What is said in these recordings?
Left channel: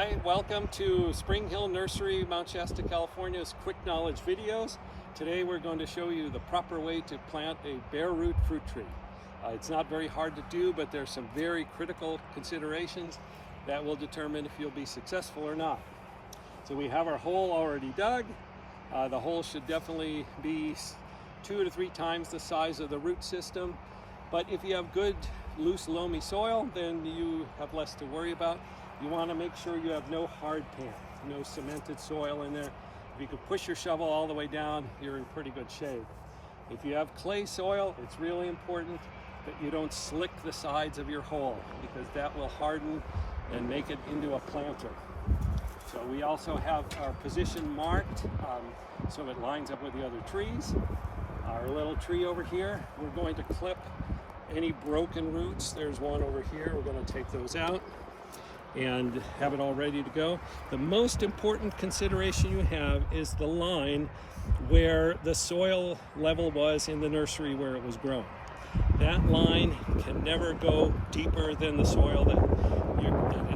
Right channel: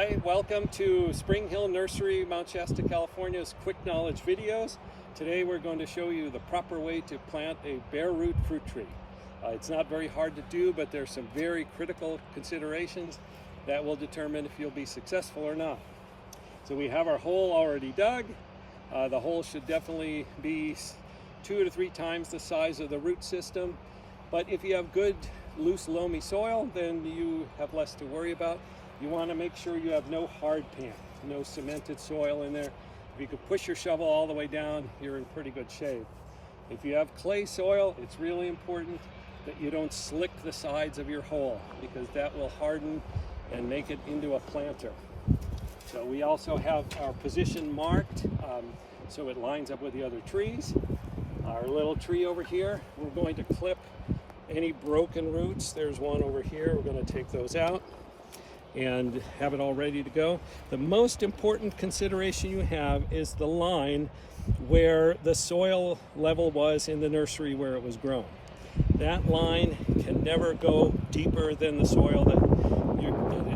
Hi, welcome to Spring Hill Nursery, Mount Shasta, California's Quick Knowledge videos. Today we're going to show you the proper way to plant a bare root fruit tree. It's not very hard to do, but there's some very critical considerations that will determine if you'll be successful or not. So we have our hole already dug. The hole should definitely be 2 to 3 times the size of the root system. But if you have good, loose, loamy soil, then you have less to worry about. You want to make sure you have no hard pan, no cemented soil in there. If you could push your shovel all the way down, you're in pretty good shape. If you have clay soil, it's really important that you don't slick the sides of your hole, because that will harden and make it into a planter. So we also have our position marked so it lines up with the other trees. Our little tree over here, we're going to clip any broken roots. There's one over here. We're going to take those out and have it all ready to go. The most important consideration you have is the line where the soil level was in the nursery where it was grown. That line can never go deeper than the soil that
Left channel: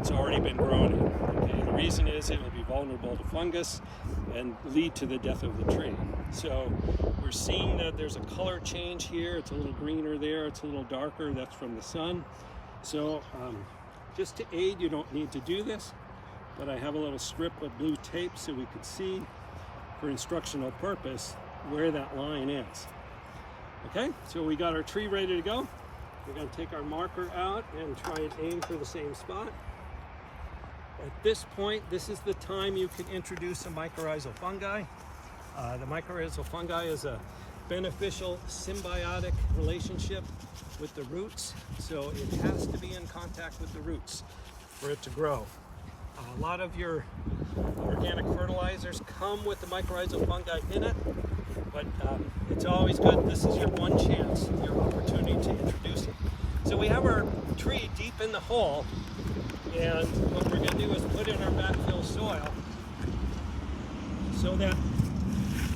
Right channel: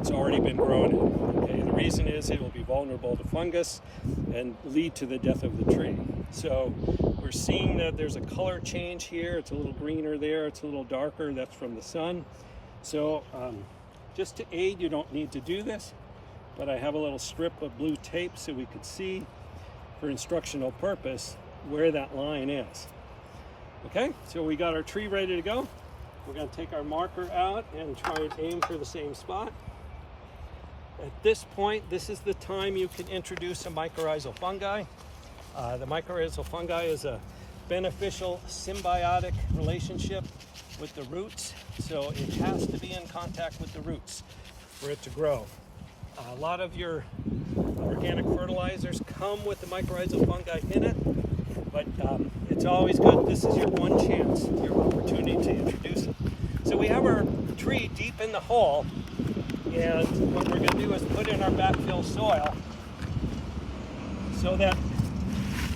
it's already been grown in. Okay? And the reason is it will be vulnerable to fungus and lead to the death of the tree. So we're seeing that there's a color change here. It's a little greener there, it's a little darker. That's from the sun. So just to aid, you don't need to do this, but I have a little strip of blue tape so we could see for instructional purpose where that line is. Okay, so we got our tree ready to go. We're going to take our marker out and try and aim for the same spot. At this point, this is the time you can introduce a mycorrhizal fungi. The mycorrhizal fungi is a beneficial symbiotic relationship with the roots, so it has to be in contact with the roots for it to grow. A lot of your organic fertilizers come with the mycorrhizal fungi in it, but it's always good. This is your one chance, your opportunity to introduce it. So we have our tree deep in the hole, and what we're going to do is put in our backfill soil so that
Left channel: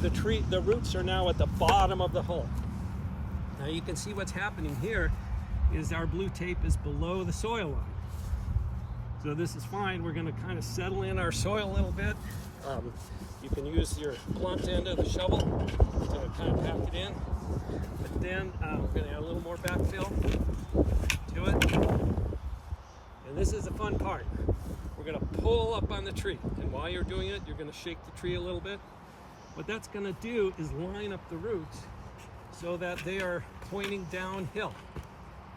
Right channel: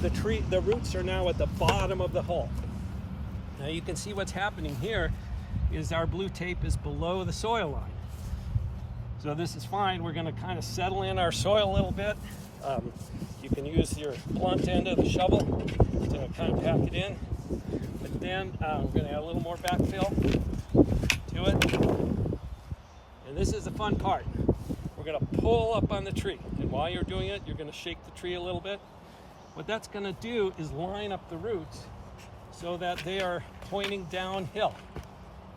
the roots are now at the bottom of the hole. Now you can see what's happening here is our blue tape is below the soil line. So this is fine. We're going to kind of settle in our soil a little bit. You can use your blunt end of the shovel to kind of pack it in. But then we're going to add a little more backfill to it. And this is the fun part. We're going to pull up on the tree. And while you're doing it, you're going to shake the tree a little bit. What that's going to do is line up the roots so that they are pointing downhill.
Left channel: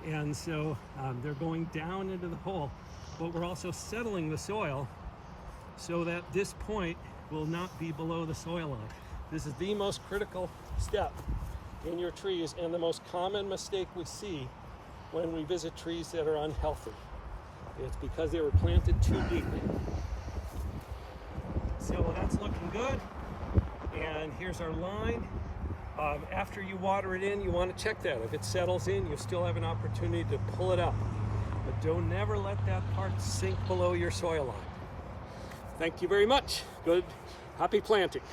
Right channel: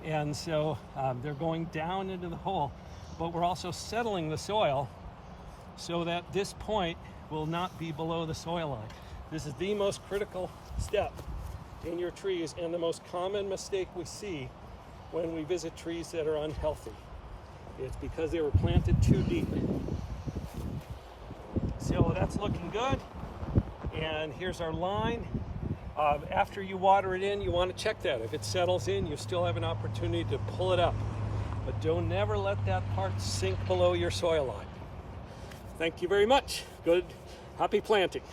And so they're going down into the hole, but we're also settling the soil so that this point will not be below the soil line. This is the most critical step in your trees and the most common mistake we see when we visit trees that are unhealthy. It's because they were planted too deep. So that's looking good. And here's our line. After you water it in, you want to check that. If it settles in, you still have an opportunity to pull it up. But don't never let that part sink below your soil line. Thank you very much. Good, happy planting.